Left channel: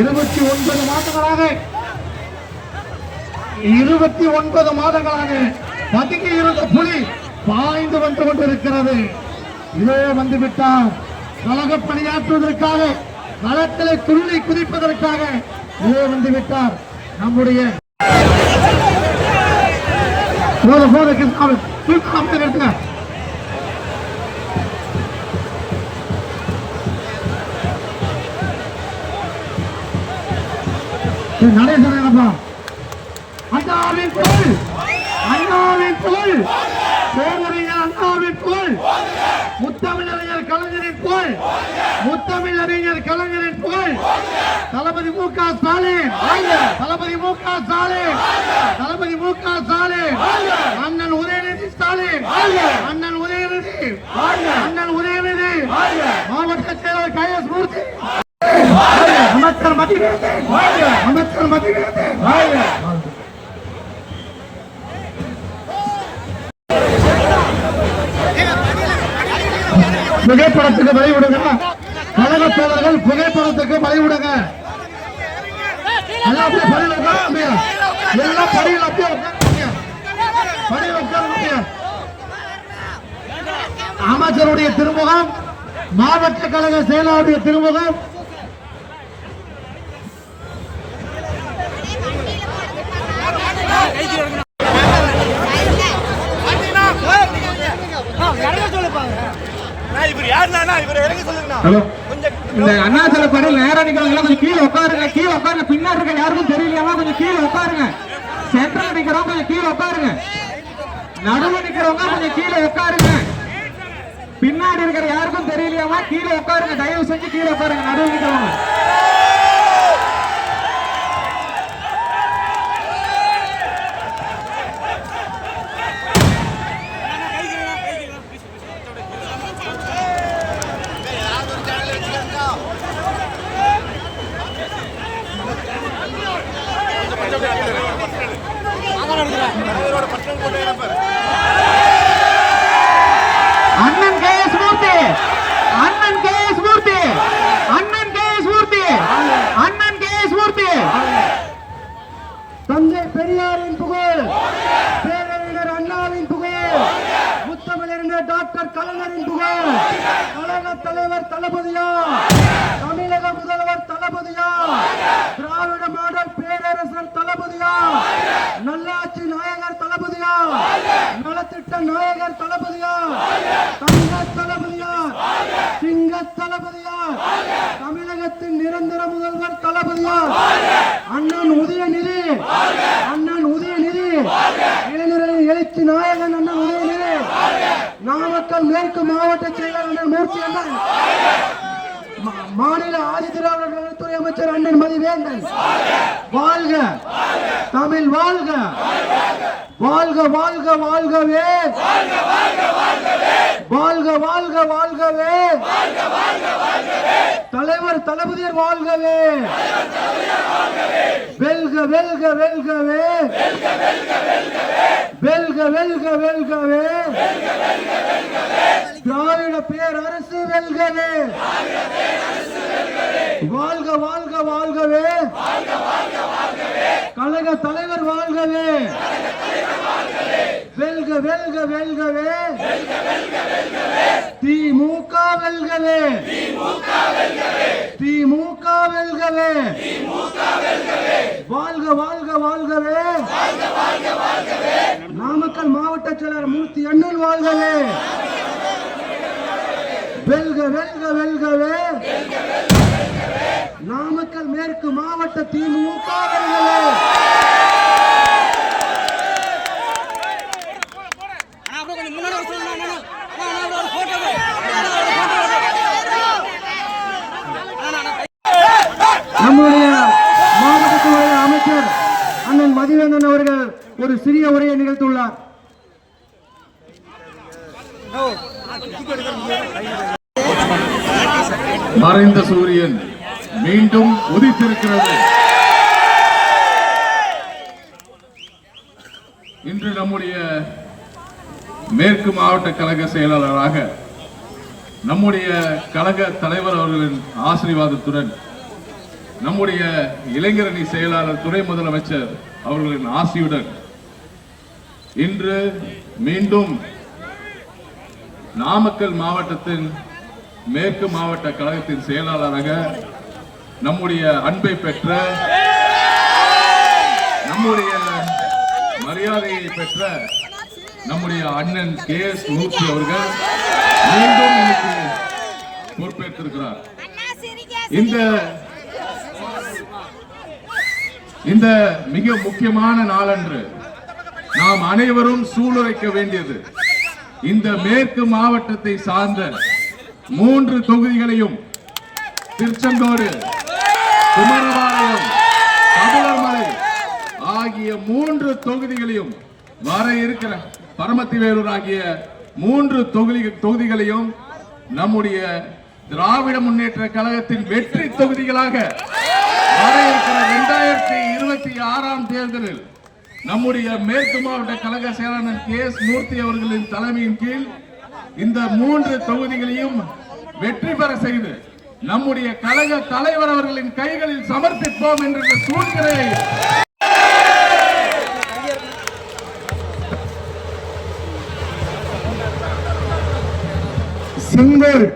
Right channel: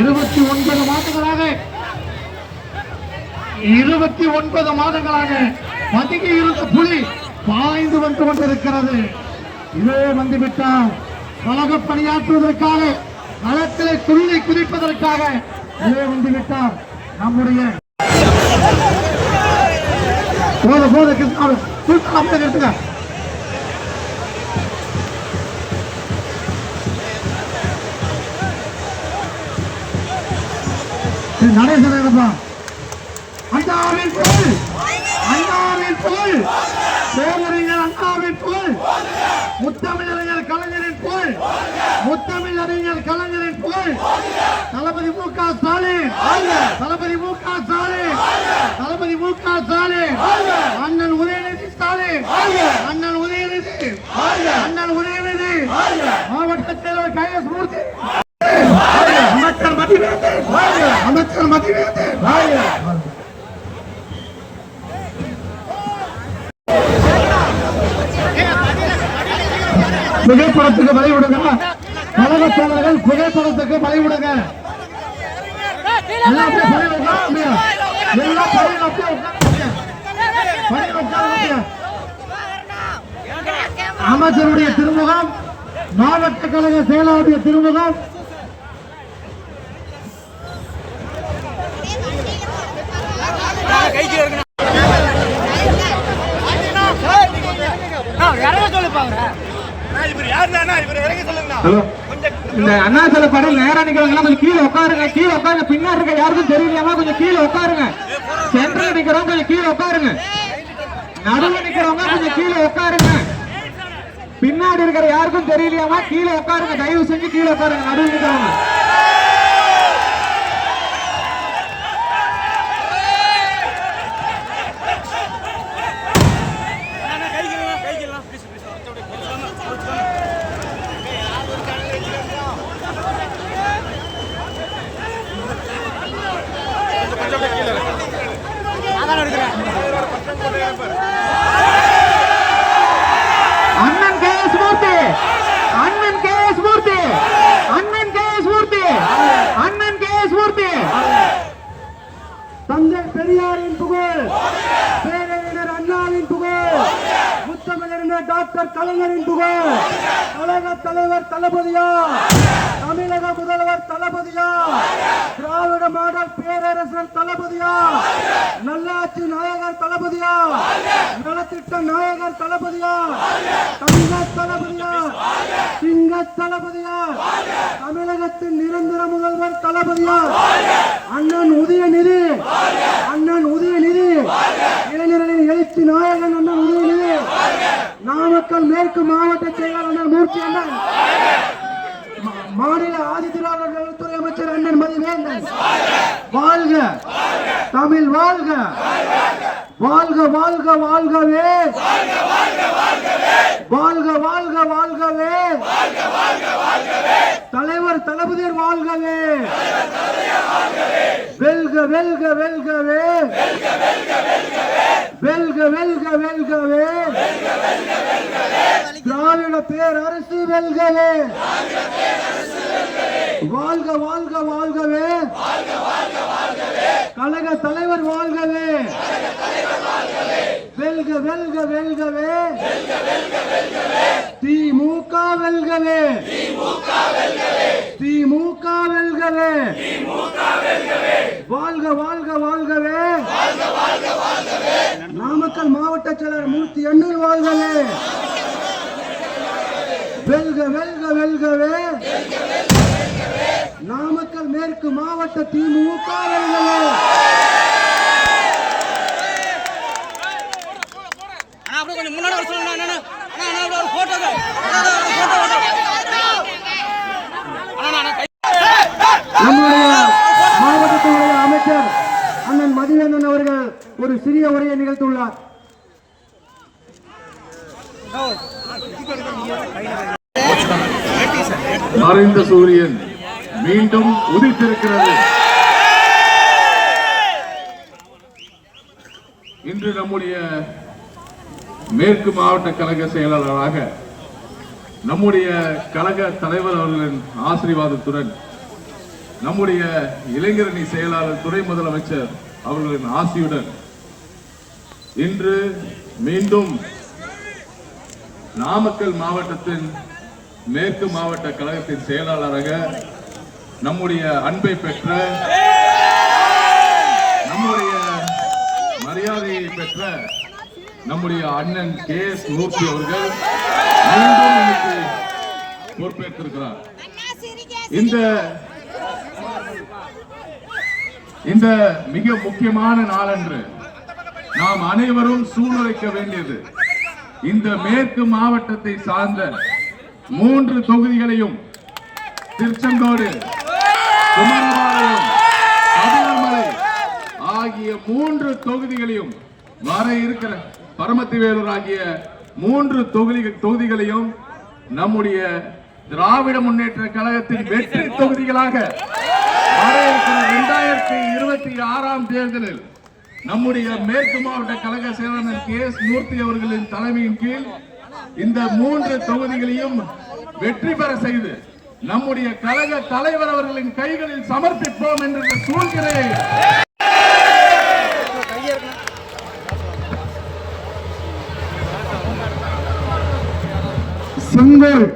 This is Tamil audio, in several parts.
இருபத்தி ஒன்பது மாதங்களாக. இருபத்தி ஒன்பது மாதங்களாக பதுங்கி இருந்த புலி பாய்ந்து வந்து கொண்டிருக்கிறது. இதோ வந்துவிட்டார். கழக பணியாற்றுவதற்காக களத்திலே துள்ளி குதிப்பதற்காக இதோ வந்துவிட்டார். நம்முடைய போத கிருஷ்ணாவை தூக்கி அமைத்து நிறுத்துங்க இது நடேசனப்பா அண்ணாவின் புகழ். அண்ணாவின் புகழ். பேரறிஞர் அண்ணாவின் புகழ். முத்தமிழறிஞர் கலைஞரின் புகழ். முத்தமிழறிஞர் கலைஞரின் புகழ். தளபதி மு க ஸ்டாலின். தளபதி மு க ஸ்டாலின். தளபதி மு க ஸ்டாலின். அண்ணன் உதயநிதி ஸ்டாலின். அண்ணன் உதயநிதி. அண்ணன் உதயநிதி மாவட்ட செயலர் கே எஸ் மூர்த்தி அமைச்சர் மதிவேந்தன் அமைச்சர் மதிவேந்தன் புகைப்படத்துக்கு வழி விடுங்க. கழக தலைவர்கள் புகைப்படத்துக்கு வழி விடுங்க. அமைச்சருடைய திருமுகம் மாவட்ட கழக செயலாளருடைய திருமுகம் இந்த அண்ணாச்சல படம் நேரம் நிக்கிறவங்க கொஞ்சம் கீழே உட்காருங்க கீழே உட்காருங்க. பின்னாடி இருக்க யாருக்கும் தெரியலையாம கொஞ்சம் கீழே உட்காருங்க. சென்டர் நிக்கிறவங்க கொஞ்சம் கீழே உட்காருங்க. நடுவில் நிக்கிறவங்க கொஞ்சம் கீழே உட்காருங்க. பின்னாடி இருக்கிற யாருக்கும் தெரியலையாமா கீழே உட்காருங்க தயவு செஞ்சு கீழே உட்காருங்க நடுவில் நிக்கிறவங்க. அண்ணன் கே எஸ் மூர்த்தி. அண்ணன் கே எஸ் மூர்த்தி. அண்ணன் கே எஸ் மூர்த்தி. அண்ணன் கே எஸ் மூர்த்தி. தந்தை பெரியாரின் புகழ். பேரறிஞர் அண்ணாவின் புகழ். முத்தமிழறிஞர் டாக்டர் கலைஞரின் புகழ். உலக தலைவர் தளபதியா? தமிழக தளபதியா? திராவிட மாடல் பேரரசர் தளபதியா? நல்லாட்சி நாயகர் தளபதியா? நலத்திட்ட நாயகர் தளபதியா? தங்க தளபதியா? சிங்க தளபதியா? தமிழகத்தின் நிரந்தர முதல்வர் தளபதியா அண்ணன் உதயநிதி அண்ணன் உதயநிதி இளைஞர்களின் எழுச்சி நாயகன் அண்ணன் உதயநிதி நாமக்கல் மேற்கு மாவட்ட செயலர் அண்ணன் மூர்த்தி அண்ணன் மா- மாநில ஆதிதிராவிடர் நலத்துறை அமைச்சர் அண்ணன் மதிவேந்தன் வாழ்க தமிழ் வாழ்க. வாழ்க வாழ்க வாழ்கவே. வாழ்க வாழ்க வாழ்கவே. தலைவர் தளபதியர் வாழ்கவே. வெல்க வெல்க வெல்கவே. வெல்க வெல்க வெல்கவே. திராவிட பேரரசு வெல்கவே. வாழ்க வாழ்க வாழ்கவே. கழக தலைவர் வாழ்கவே. வெல்க வெல்க வெல்கவே. திமுக வெல்கவே. திமுக வெல்கவே. வாழ்க வாழ்க வாழ்கவே. நாமக்கல் மாவட்ட செயலர் மூர்த்தி அண்ணன் வாழ்கவே. வெல்க வெல்க வெல்கவே. நாமக்கல் மேற்கு மாவட்ட திமுக வெல்கவே அண்ணா அப்படியே கொஞ்சம் முன்னாடி வர சொல்லுங்க அண்ணா அண்ணா. அண்ணா அண்ணா, ஒரு போட்டோ அண்ணா அண்ணா, ஒரு போட்டோ அண்ணா அண்ணா, அண்ணா கை. நம்முடைய மாவட்டத்தினுடைய ஒரு சிறிய உரையை நிகழ்த்துள்ளார் மறைந்த சூரியன் மீண்டும் உதித்திருக்கிறது. இன்று நம்முடைய மேற்கு மாவட்ட கழக செயலாளராக நம்முடைய கழக தலைவர் அவர்களின் ஆசீர்வாதத்துடன் நம்முடைய இளைஞரணி செயலாளர் துணை முதலமைச்சர் அவர்களின் ஆசியுடன் இன்று மீண்டும் நாமக்கல் மாவட்டத்தின் மேற்கு மாவட்ட கழகத்தின் செயலாளராக நம்முடைய அன்பை பெற்ற நம்முடைய மரியாதையை பெற்ற நம்முடைய அண்ணன் கே எஸ் மூர்த்தி அவர்கள் மீண்டும் நமக்கு பொறுப்பேற்றிருக்கிறார். இந்த இந்த மிக முக்கியமான நாளன்று நாம் அனைவரும் சூழலைக்க வேண்டியது. இந்த மேற்கு மாவட்டத்தை சார்ந்த மூன்று தொகுதிகளையும் திருச்செந்தோடு குமரபாளையம் ஆகிய மூன்று தொகுதிகளையும் வர இருக்கிற பரமத்திவேலூர் ஆகிய மூன்று தொகுதி தொகுதிகளையும் நம்முடைய திராவிட முன்னேற்ற கழகத்தின் வெற்றி தொகுதிகளாக வர இருக்கிற இரண்டாயிரத்தி இருபத்தி ஆறாம் தேர்தலில் நம்முடைய மேற்கு மாவட்ட கழக செயலாளர் கே எஸ் மூர்த்தி அவர்களின் தலைமையின் கீழ் இந்த மூன்று தொகுதிகளையும் வெற்றி பெற செய்து நம்முடைய கழக தலைவர் அவர்களின் கைகளில் சமர்ப்பிப்போம் என்ற சூழ்நிலையை செங்கோல்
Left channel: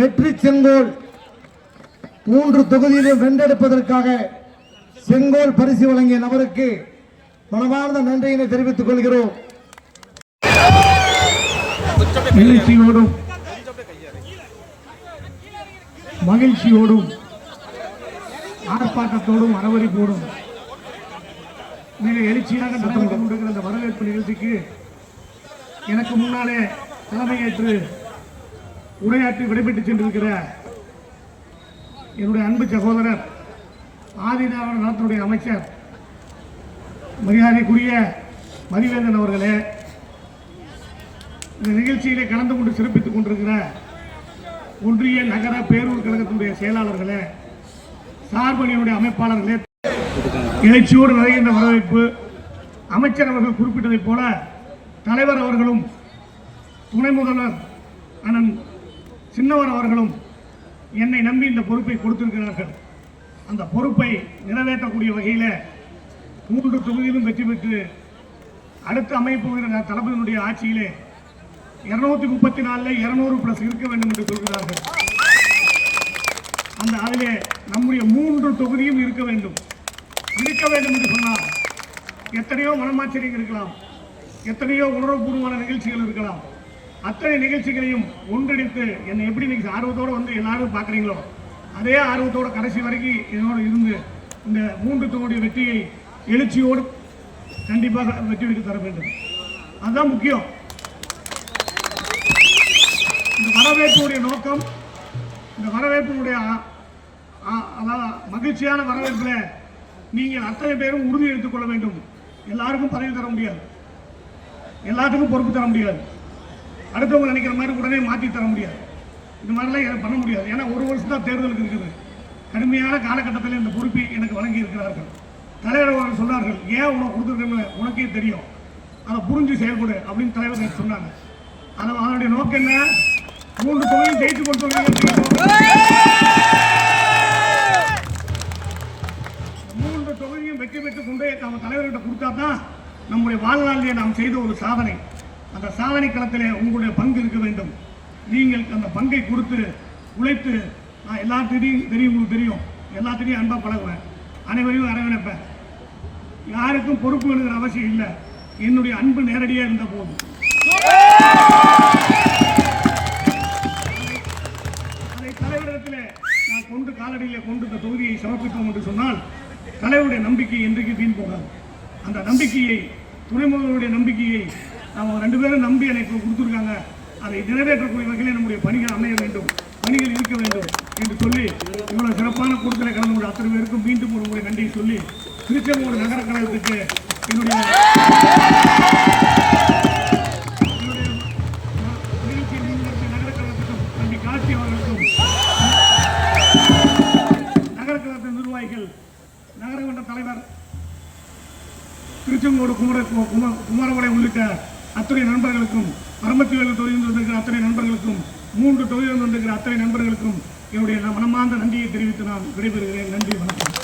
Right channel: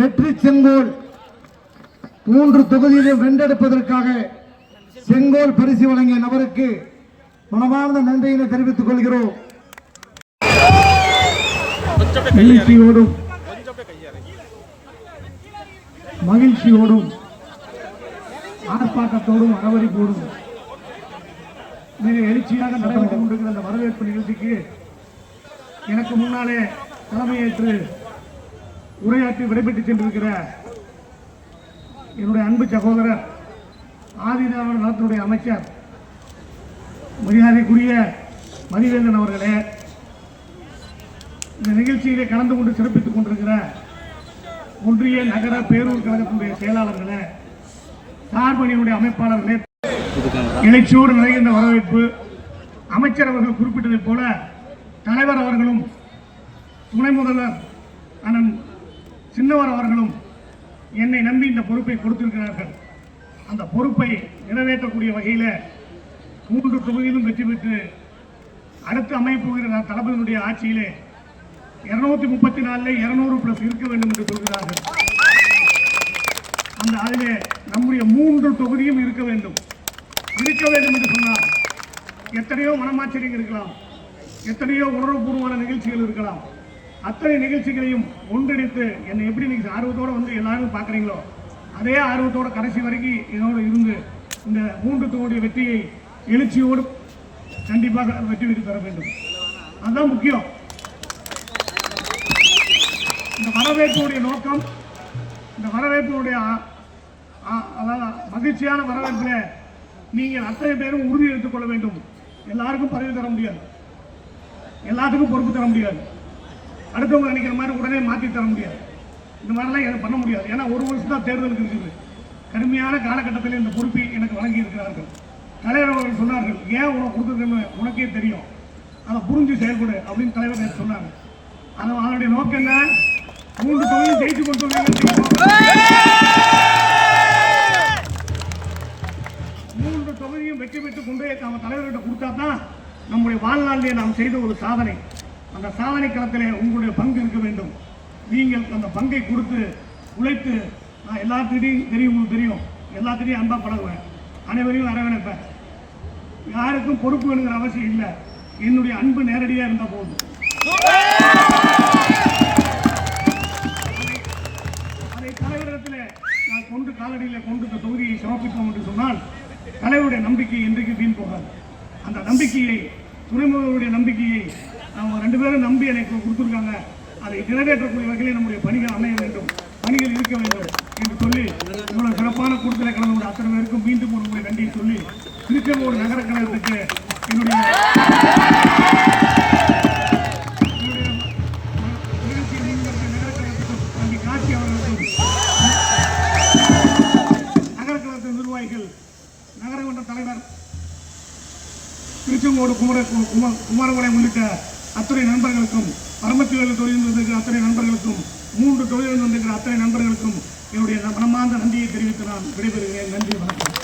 வெற்றி செங்கோல் மூன்று தொகுதியிலும் வென்றெடுப்பதற்காக செங்கோல் பரிசு வழங்கிய நபருக்கு மனமார்ந்த நன்றியினை தெரிவித்துக் கொள்கிறோம். மகிழ்ச்சியோடும் மகிழ்ச்சியோடும். ஆர்ப்பாட்டத்தோடும் அரவரிப்போடும் மிக எழுச்சியாக நடந்து கொண்டிருக்கிற இந்த வரவேற்பு நிகழ்ச்சிக்கு எனக்கு முன்னாலே தலைமையேற்று உரையாற்றி விடைபெற்று சென்றிருக்கிற என்னுடைய அன்பு சகோதரர் ஆதிதாவன நலத்துடைய அமைச்சர் மரியாதைக்குரிய மதிவேந்தன் அவர்களே இந்த நிகழ்ச்சியிலே கலந்து கொண்டு சிறப்பித்துக் கொண்டிருக்கிற ஒன்றிய நகர பேரூர் கழகத்தினுடைய செயலாளர்களே சார்பணியினுடைய அமைப்பாளர்களே எழுச்சியோடு நிறைகின்ற வரவேற்பு அமைச்சர் அவர்கள் குறிப்பிட்டதைப் போல தலைவர் அவர்களும் துணை முதல்வர் அண்ணன் சின்னவர் அவர்களும் என்னை நம்பி இந்த பொறுப்பை கொடுத்திருக்கிறார்கள். அந்த பொறுப்பை நிறைவேற்றக்கூடிய வகையில் மூன்று தொகுதியிலும் வெற்றி பெற்று அடுத்து அமைப்புகிற தளபதியினுடைய ஆட்சியிலே இருநூத்தி முப்பத்தி நாலுல இருநூறு பிளஸ் இருக்க வேண்டும் என்று சொல்கிறார்கள். அந்த அதிலே நம்முடைய மூன்று தொகுதியும் இருக்க வேண்டும். இருக்க வேண்டும் என்று சொன்னால் எத்தனையோ மனமாச்சரியங்கள் இருக்கலாம். எத்தனையோ உணர்வுபூர்வமான நிகழ்ச்சிகள் இருக்கலாம். அத்தனை நிகழ்ச்சிகளையும் ஒன்றிணைத்து என்னை எப்படி நீங்கள் ஆர்வத்தோட வந்து எல்லாரும் பார்க்குறீங்களோ அதே ஆர்வத்தோட கடைசி வரைக்கும் என்னோட இருந்து இந்த மூன்று தொகுதி வெற்றியை எழுச்சியோடு கண்டிப்பாக வெற்றி பெற்று தர வேண்டும். அதுதான் முக்கியம். இந்த வரவேற்புடைய நோக்கம் இந்த வரவேற்பினுடைய அதாவது மகிழ்ச்சியான வரவேற்பில் நீங்கள் அத்தனை பேரும் உறுதி எடுத்துக் கொள்ள வேண்டும். எல்லாருக்கும் பதவி தர முடியாது. எல்லாத்துக்கும் பொறுப்பு தர முடியாது. அடுத்தவங்க நினைக்கிற மாதிரி உடனே மாற்றி தர முடியாது. இந்த மாதிரிலாம் எதுவும் பண்ண முடியாது. ஏன்னா ஒரு வருஷம் தான் தேர்தலுக்கு இருக்குது. கடுமையான காலகட்டத்தில் இந்த பொறுப்பை எனக்கு வழங்கி இருக்கிறார்கள் தலைவர் அவர்கள் சொன்னார்கள் ஏன் உனக்கு கொடுத்துருக்குன்னு உனக்கே தெரியும். அதை புரிஞ்சு செயல்படு அப்படின்னு தலைவர் சொன்னாங்க. ஆனால் அவனுடைய நோக்கம் என்ன? மூன்று தொகையும் ஜெயித்து கொடுத்து மூன்று தொகுதியும் வெற்றி பெற்று கொண்டு நம்ம தலைவர்கிட்ட கொடுத்தா தான் நம்முடைய வாழ்நாளிலே நாம் செய்த ஒரு சாதனை. அந்த சாதனை களத்திலே உங்களுடைய பங்கு இருக்க வேண்டும். நீங்கள் அந்த பங்கை கொடுத்து உழைத்து நான் எல்லாத்திட்டையும் தெரியும் உங்களுக்கு தெரியும். எல்லாத்திட்டையும் அன்பாக பழகுவேன். அனைவரையும் அரவணைப்பேன். யாருக்கும் பொறுப்பு வேணுங்கிற அவசியம் இல்லை. என்னுடைய அன்பு நேரடியாக இருந்தால் போதும். அதை தலைவரிடத்தில் நான் கொண்டு காலடியில் கொண்டு இந்த தொகுதியை சமர்ப்பிப்போம் என்று சொன்னால் தலைவருடைய நம்பிக்கை என்றைக்கு வீண் போகாது. அந்த நம்பிக்கையை துணை முதல்வருடைய நம்பிக்கையை அவங்க ரெண்டு பேரும் நம்பி எனக்கு கொடுத்துருக்காங்க. அதை நிறைவேற்றக்கூடிய வகையில் நம்முடைய பணிகள் அமைய வேண்டும் பணிகள் இருக்க வேண்டும் என்று சொல்லி இவ்வளவு சிறப்பான கூட்டத்தில் கலந்து கொண்ட அத்தனை பேருக்கும் மீண்டும் ஒரு முறை நன்றி சொல்லி திருச்செங்கோடு நகர கழகத்துக்கு என்னுடைய திருச்செங்கோடு குமர கும- குமாரபாளையம் உள்ளிட்ட அத்தனை நண்பர்களுக்கும் பரமத்திவேலு தொழில் வந்திருக்கிற அத்தனை நண்பர்களுக்கும் மூன்று தொழில் வந்திருக்கிற அத்தனை நண்பர்களுக்கும் என்னுடைய மனமார்ந்த நன்றியை தெரிவித்து நான் விடைபெறுகிறேன். நன்றி வணக்கம்.